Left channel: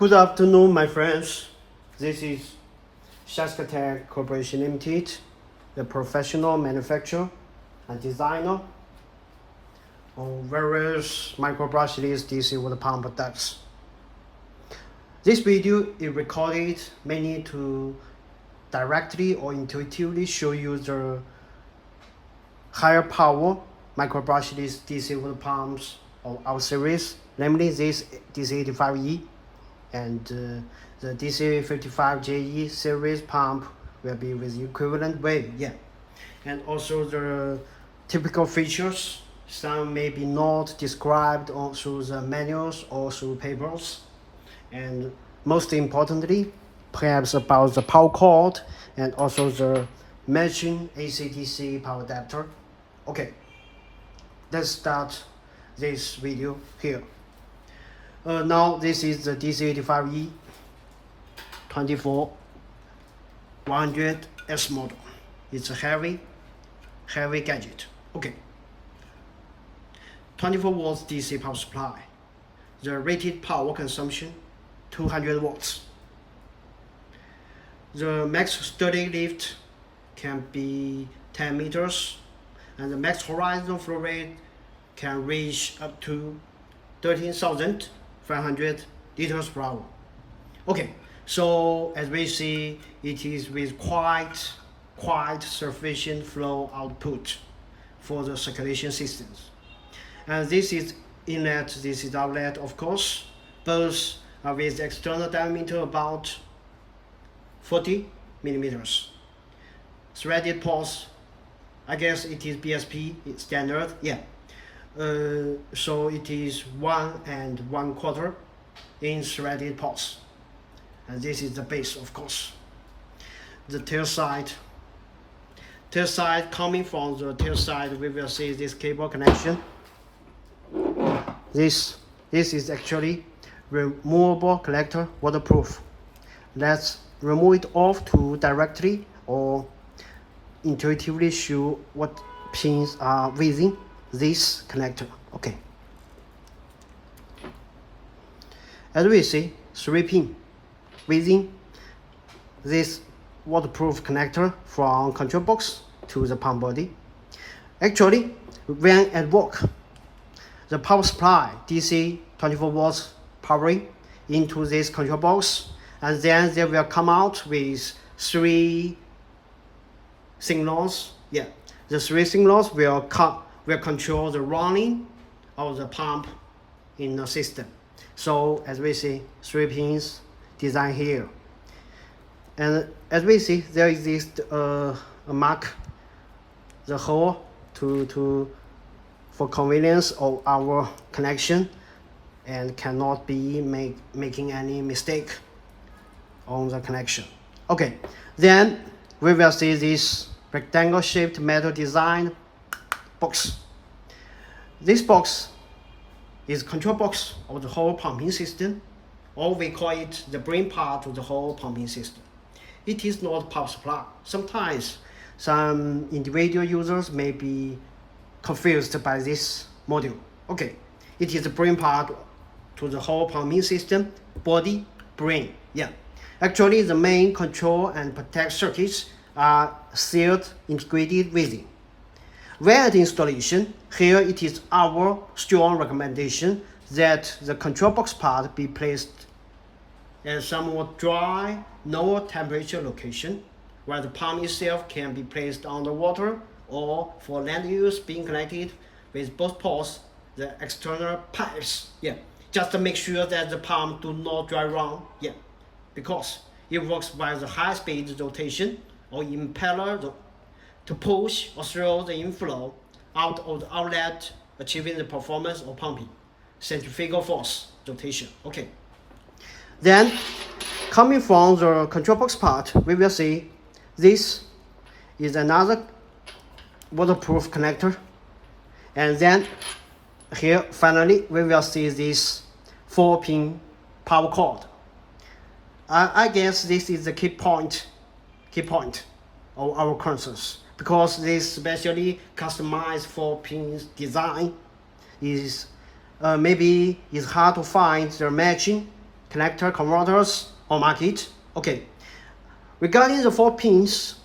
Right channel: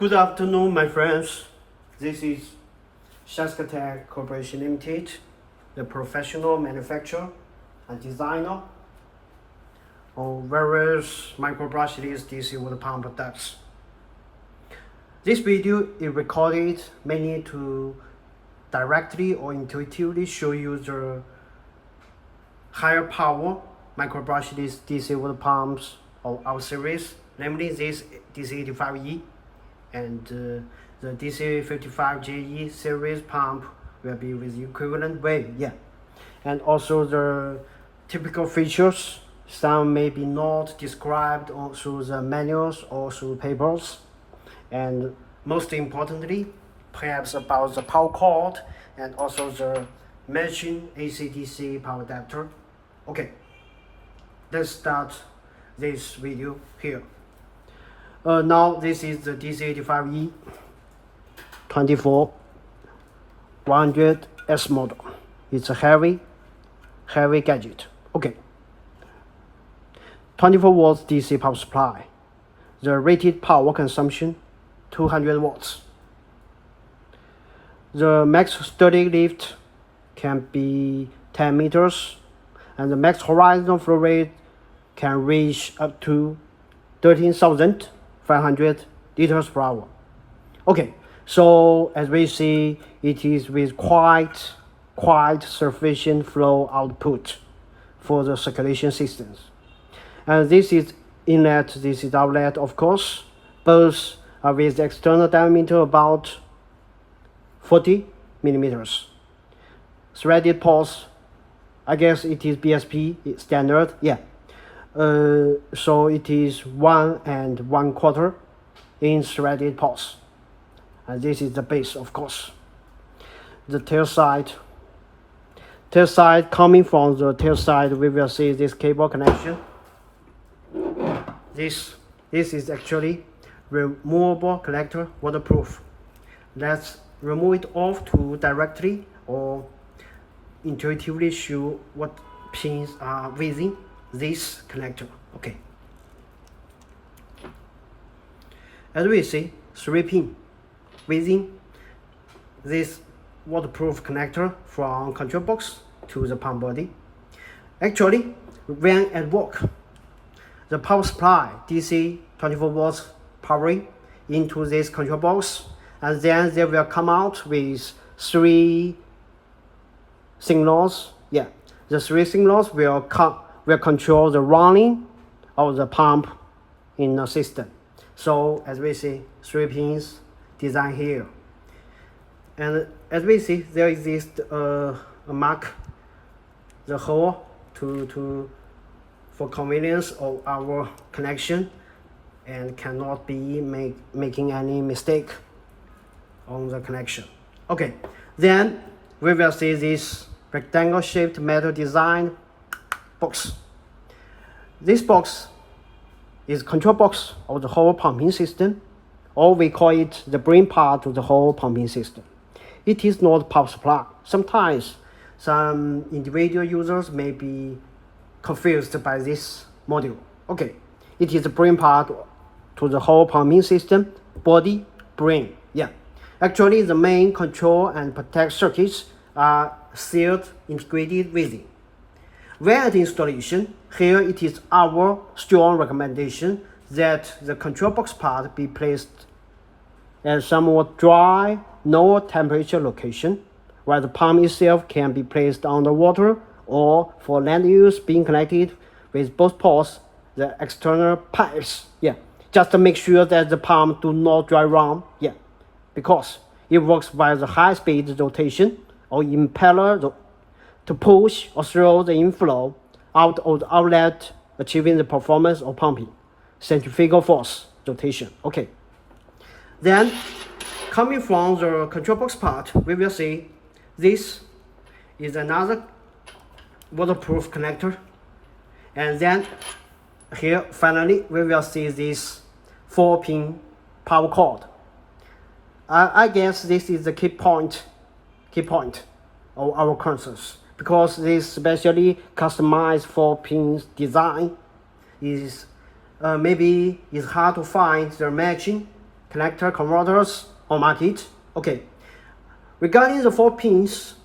Good afternoon, my friends. This is SHYSKY Corporation Limited, the professional manufacturer and designer of various microbrushless DC water pump products. This video is recorded mainly to directly or intuitively show you the higher power microbrushless DC water pumps of our series, namely this DC85E and the DC85JE series pump will be with equivalent weight, and also the typical features. Some may be not described through the manuals or through papers, and most importantly, perhaps about the power cord and also the matching AC/DC power adapter. Okay, let's start this video here. Now this is the DC85E 24100S model. It's a heavy gadget. Okay. 24 volts DC power supply. The rated power consumption 200 watts. The max sturdy lift can be 10 meters, and the max horizontal flow rate can reach up to 13,500 liters per hour. Okay, so as we see, it is with quite sufficient flow output for the circulation systems. And this is inlet, this is outlet, of course. Both are with external diameter about 40 millimeters. Threaded ports, I guess it is BSP standard, so it is 1 1/4 inch threaded ports, and this is the base, of course. The tail side, coming from the tail side, we will see this cable connection. This is actually removable collector, waterproof. Let's remove it off to directly or intuitively show what pins are within this connector. Okay, as we see, 3 pins within this waterproof connector from control box to the pump body. Actually, when at work, the power supply DC 24 volts powering into this control box, and then they will come out with 3 signals. The 3 signals will control the running of the pump in the system. So as we see, 3 pins designed here, and as we see, there exists a mark, the hole for convenience of our connection, and cannot be making any mistake on the connection. Okay, then we will see this rectangle shaped metal design box. This box is control box of the whole pumping system, or we call it the brain part of the whole pumping system. It is not power supply. Sometimes some individual users may be confused by this module. Okay, it is the brain part to the whole pumping system, body, brain. Actually, the main control and protect circuits are sealed, integrated within. When at installation, here it is our strong recommendation that the control box part be placed at somewhat dry, low temperature location, while the pump itself can be placed underwater or for land use, being connected with both ports, the external pipes. Just to make sure that the pump do not dry run. Because it works by the high-speed rotation or impeller to push or throw the inflow out of the outlet, achieving the performance of pumping. Centrifugal force rotation. Okay. Then, coming from the control box part, we will see this is another waterproof connector, and then here finally we will see this 4-pin power cord. I guess this is the key point of our concerns, because this specially customized 4-pin design is maybe it's hard to find the matching connector converters on market. Okay, regarding the 4 pins,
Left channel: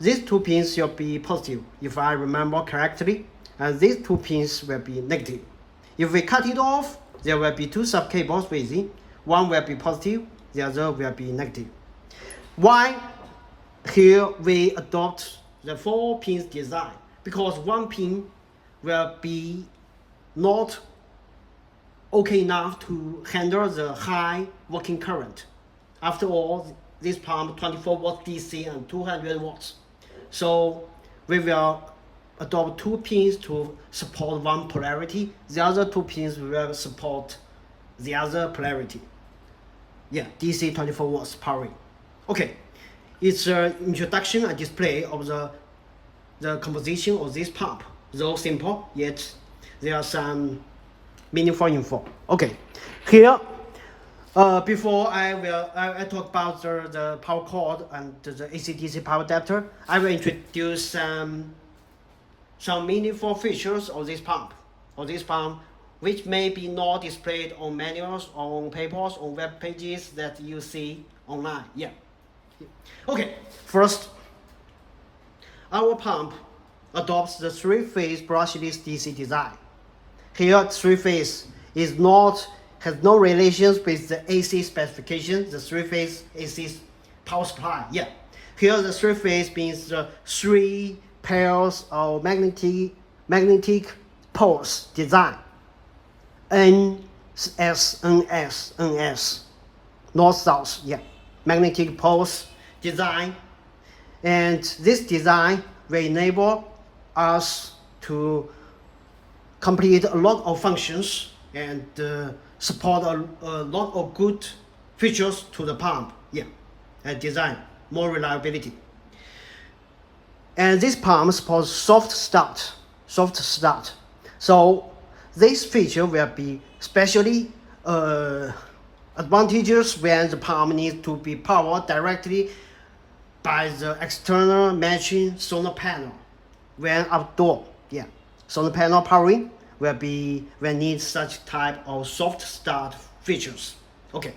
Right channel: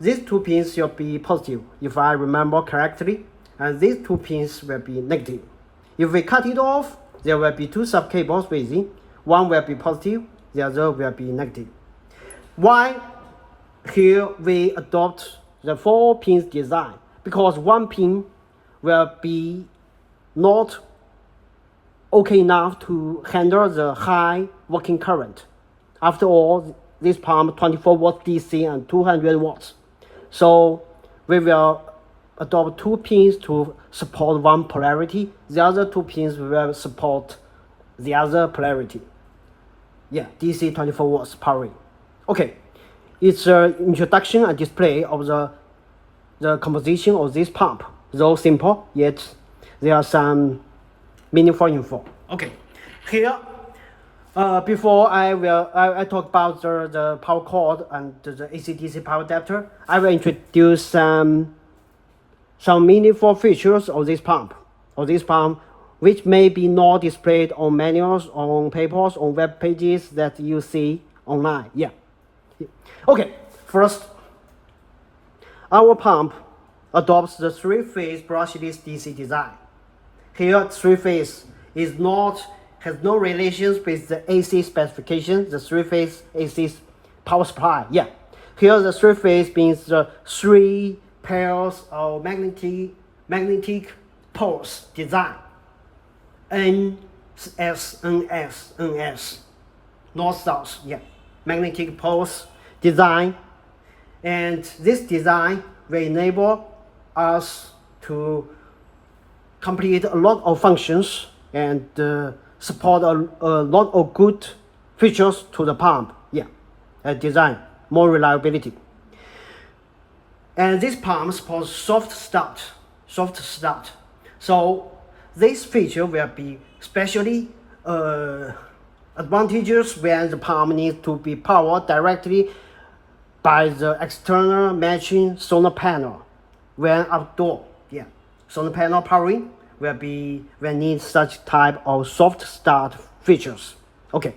these 2 pins will be positive, if I remember correctly, and these 2 pins will be negative. If we cut it off, there will be 2 sub-cables within. One will be positive, the other will be negative. Why here we adopt the 4 pins design? Because 1 pin will be not okay enough to handle the high working current. After all, this pump 24 watts DC and 200 watts. So we will adopt 2 pins to support one polarity. The other 2 pins will support the other polarity. Yeah, DC 24 watts powering. Okay, it's an introduction and display of the composition of this pump. Though simple, yet there are some meaningful info. Okay, here, before I talk about the power cord and the AC/DC power adapter, I will introduce some meaningful features of this pump, which may be not displayed on manuals, on papers, on web pages that you see online. Yeah. Okay, first, our pump adopts the 3-phase brushless DC design. Here, 3-phase has no relations with the AC specification, the 3-phase AC power supply. Yeah. Here, the 3-phase means the 3 pairs of magnetic poles design. NS, north south, yeah, magnetic poles design, and this design will enable us to complete a lot of functions and support a lot of good features to the pump. Yeah, design, more reliability. And this pump supports soft start. So this feature will be especially advantageous when the pump needs to be powered directly by the external matching solar panel. When outdoor, yeah, solar panel powering will need such type of soft start features. Okay,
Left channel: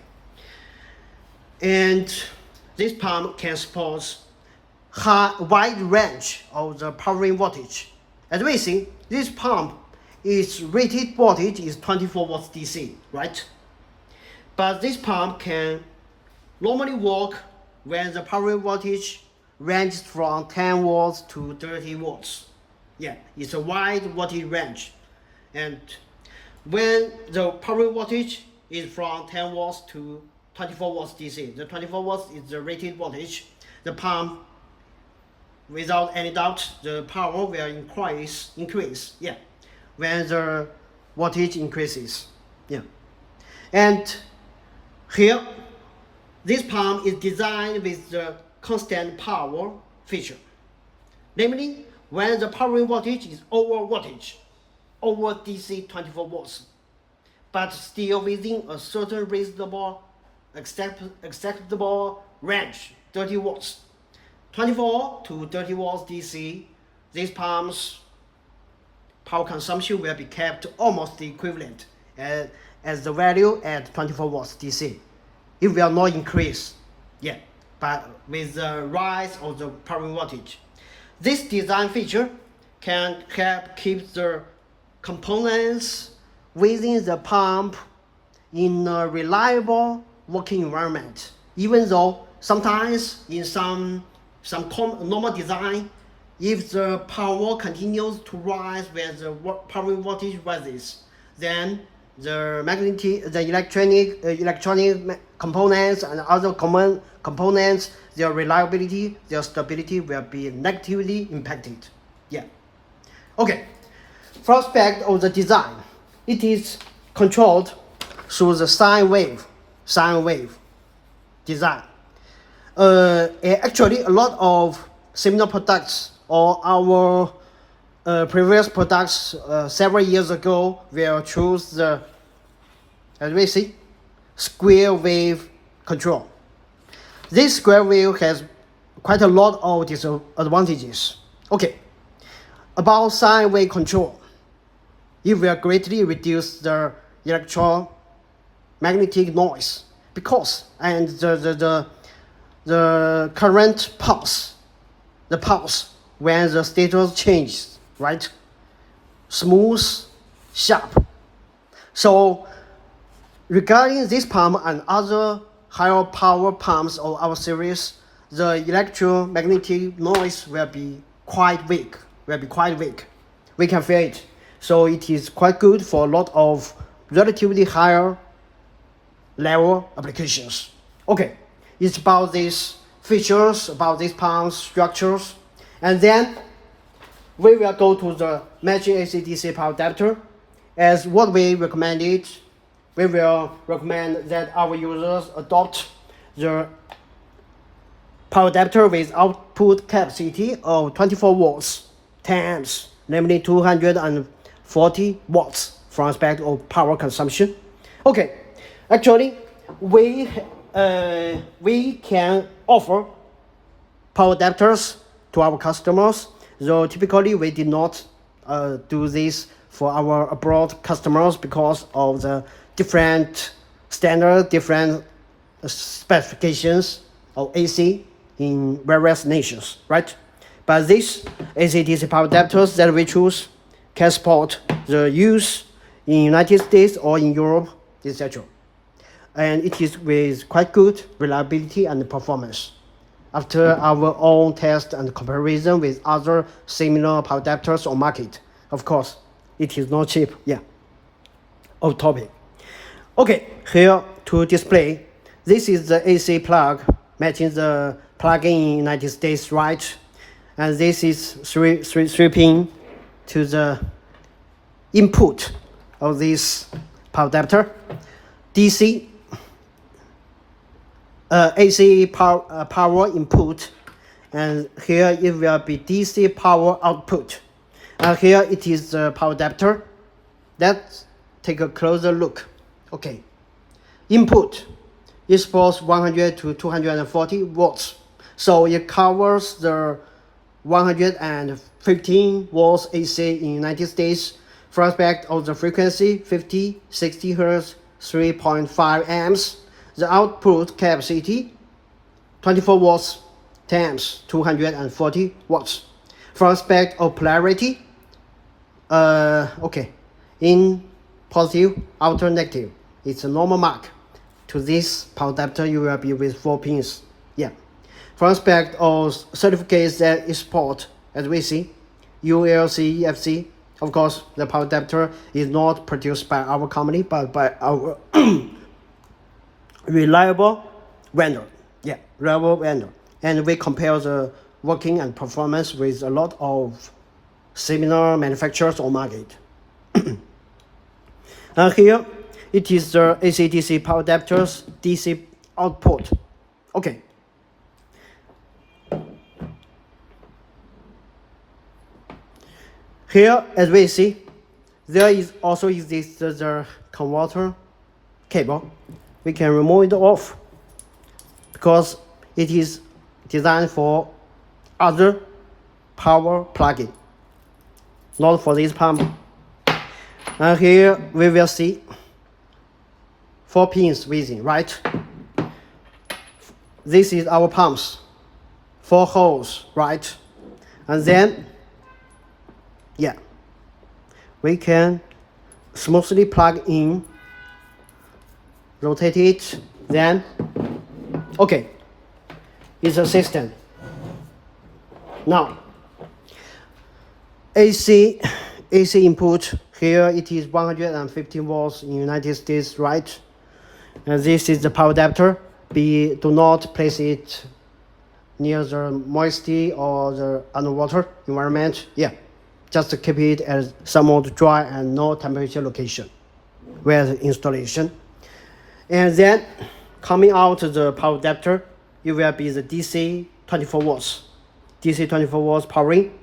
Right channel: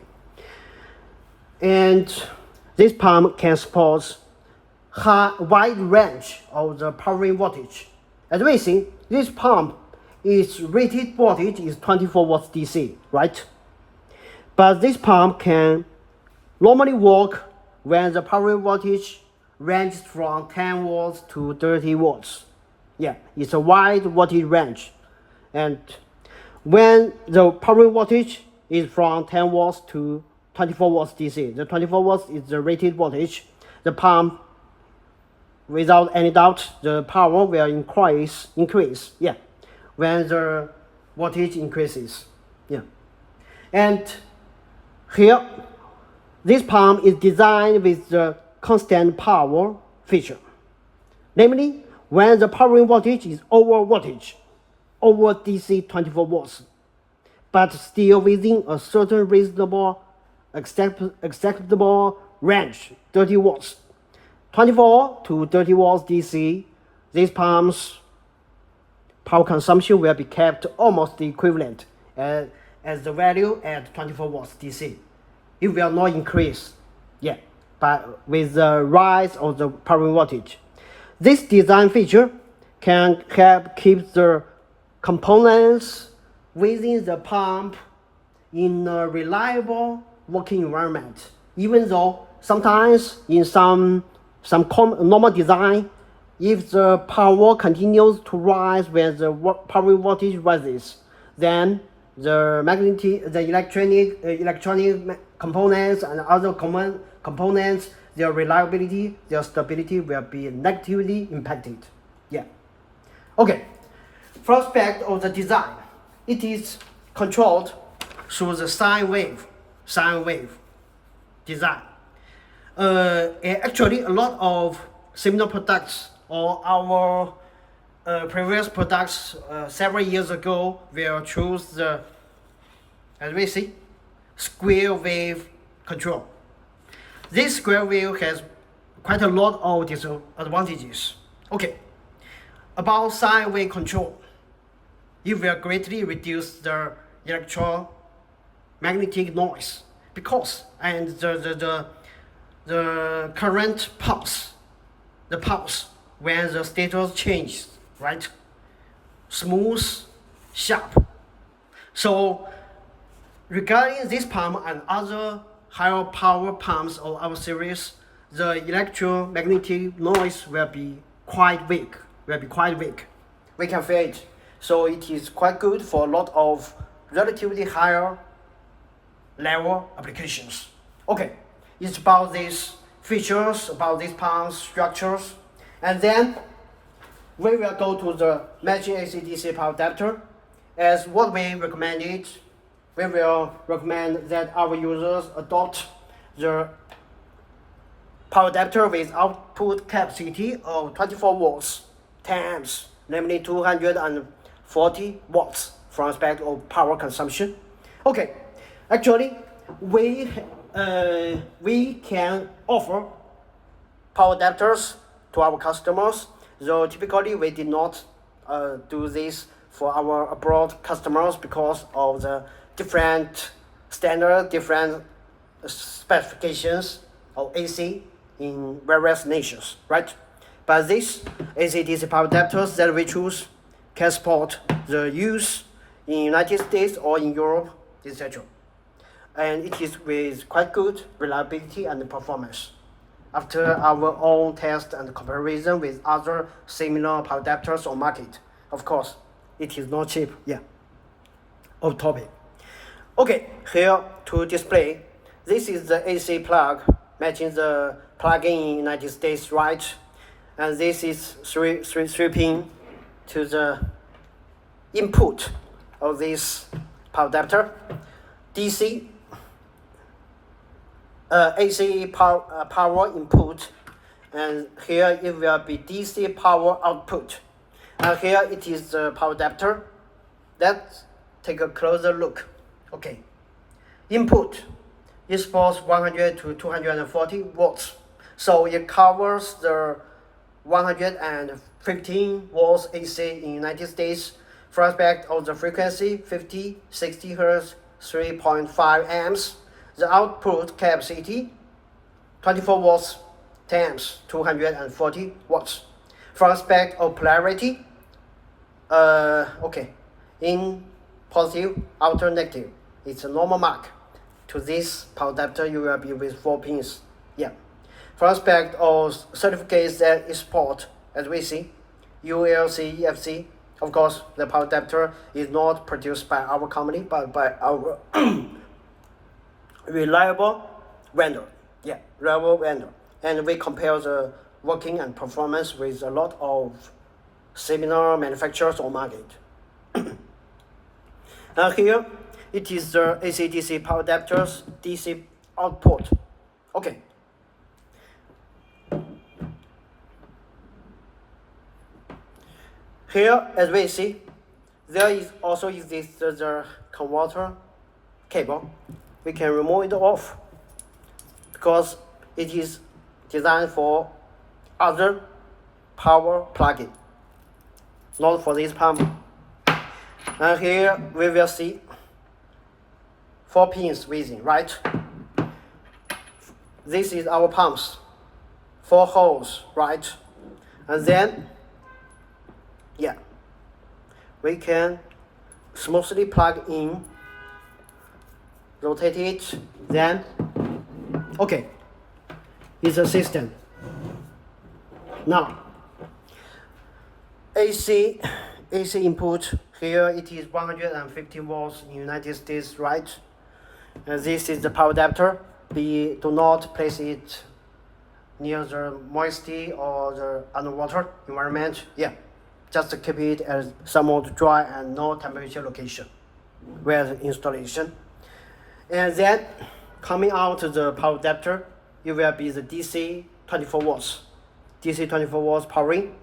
and this pump can support wide range of the powering voltage. As we see, this pump, its rated voltage is 24 watts DC, right? But this pump can normally work when the powering voltage ranges from 10 watts to 30 watts. Yeah, it's a wide voltage range. And when the powering voltage is from 10 watts to 24 watts DC, the 24 watts is the rated voltage, the pump, without any doubt, the power will increase, yeah, when the voltage increases, yeah. And here, this pump is designed with the constant power feature. Namely, when the powering voltage is over DC 24 watts, but still within a certain reasonable, acceptable range, 30 watts. 24 to 30 watts DC, these pumps' power consumption will be kept almost equivalent as the value at 24 watts DC. It will not increase, yeah, but with the rise of the powering voltage. This design feature can help keep the components within the pump in a reliable working environment, even though sometimes in some normal design, if the power continues to rise when the powering voltage rises, then the electronic components and other common components, their reliability, their stability will be negatively impacted. Yeah. Okay. First aspect of the design, it is controlled through the sine wave design. Actually, a lot of similar products or our previous products several years ago will choose the, as we see, square wave control. This square wave has quite a lot of disadvantages. Okay, about sine wave control, it will greatly reduce the electromagnetic noise because and the current pulse, the pulse when the status changes, right? Smooth, sharp. So regarding this pump and other higher power pumps of our series, the electromagnetic noise will be quite weak. We can feel it. So it is quite good for a lot of relatively higher level applications. Okay, it's about these features, about these pumps, structures, and then we will go to the matching AC/DC power adapter. As what we recommended, we will recommend that our users adopt the power adapter with output capacity of 24 volts, 10 amps, namely 240 watts from aspect of power consumption. Okay, actually, we can offer power adapters to our customers, though typically we did not do this for our abroad customers because of the different standard, different specifications of AC in various nations, right? But these AC/DC power adapters that we choose can support the use in United States or in Europe, etc. And it is with quite good reliability and performance. After our own test and comparison with other similar power adapters on market, of course, it is not cheap. Yeah, off topic. Okay, here to display, this is the AC plug matching the plug-in in United States, right? And this is three pin to the input of this power adapter. DC AC power input, and here it will be DC power output. And here it is the power adapter. Let's take a closer look. Okay, input is supposed 100 to 240 watts, so it covers the 115 volts AC in United States. From aspect of the frequency 50, 60 Hz, 3.5 amps. The output capacity 24 watts, 10 amps, 240 watts. From aspect of polarity, okay, in positive, outer negative, it's a normal mark. To this power adapter, you will be with 4 pins. Yeah. From aspect of certificates that it support, as we see, ULC, EFC. Of course, the power adapter is not produced by our company, but by our reliable vendor. Yeah, reliable vendor. And we compare the working and performance with a lot of similar manufacturers on market. And here, it is the AC/DC power adapter's DC output. Okay. Here, as we see, there is also exists the converter cable. We can remove it off because it is designed for other power plug-in, not for this pump. And here we will see 4 pins missing, right? This is our pumps, 4 holes, right? And then, yeah, we can smoothly plug in, rotate it, then, okay, it's a system. Now, AC input, here it is 115 volts in United States, right? And this is the power adapter. Do not place it near the moisture or the underwater environment. Yeah, just keep it as somewhat dry and no temperature location where the installation. And then coming out of the power adapter, it will be the DC 24 watts. DC 24 watts powering.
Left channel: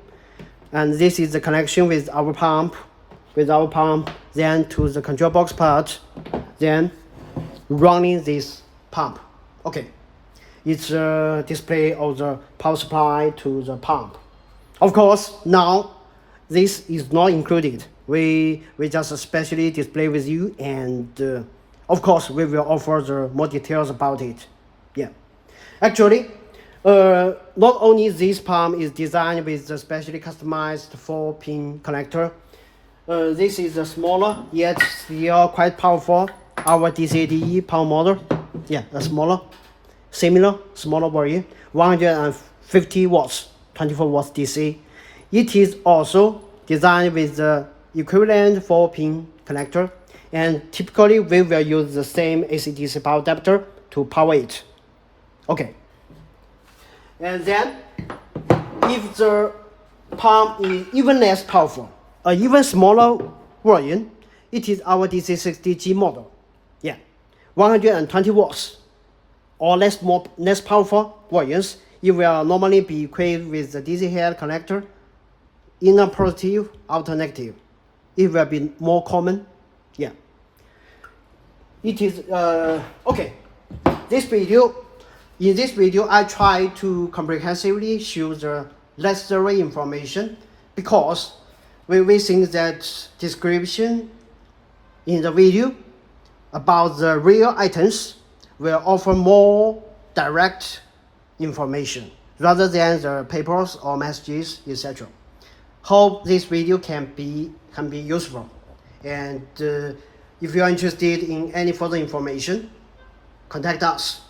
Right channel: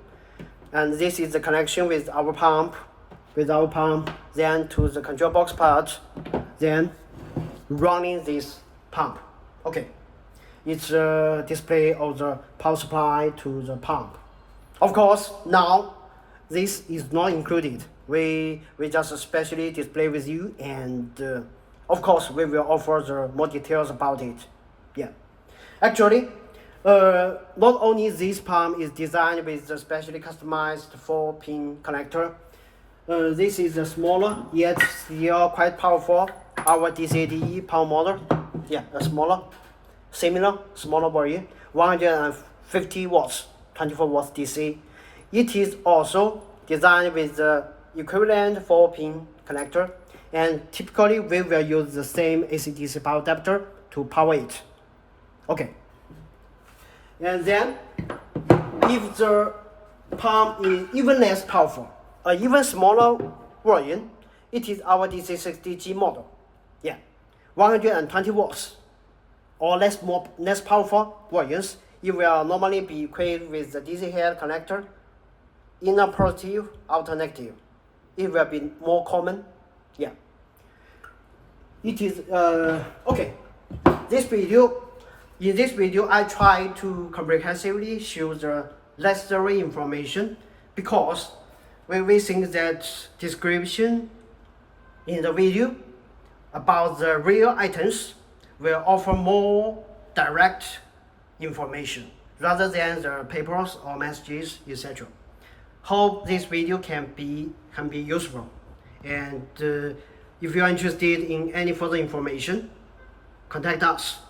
And this is the connection with our pump, then to the control box part, then running this pump. Okay, it's a display of the power supply to the pump. Of course, now this is not included. We just especially display with you and Of course, we will offer the more details about it. Yeah, actually, not only this pump is designed with the specially customized 4-pin connector. This is a smaller yet still quite powerful our DC85E pump model. Yeah, a smaller, similar smaller version, 150 watts, 24 watts DC. It is also designed with the equivalent 4-pin connector, and typically we will use the same AC/DC power adapter to power it. Okay. And then, if the pump is even less powerful, an even smaller version, it is our DC60G model. Yeah, 120 watts or less powerful versions. It will normally be equipped with the DC head connector, inner positive, outer negative. It will be more common. Yeah. It is okay. In this video, I try to comprehensively show the necessary information because we think that description in the video about the real items will offer more direct information rather than the papers or messages, etc. Hope this video can be useful, and if you are interested in any further information, contact us.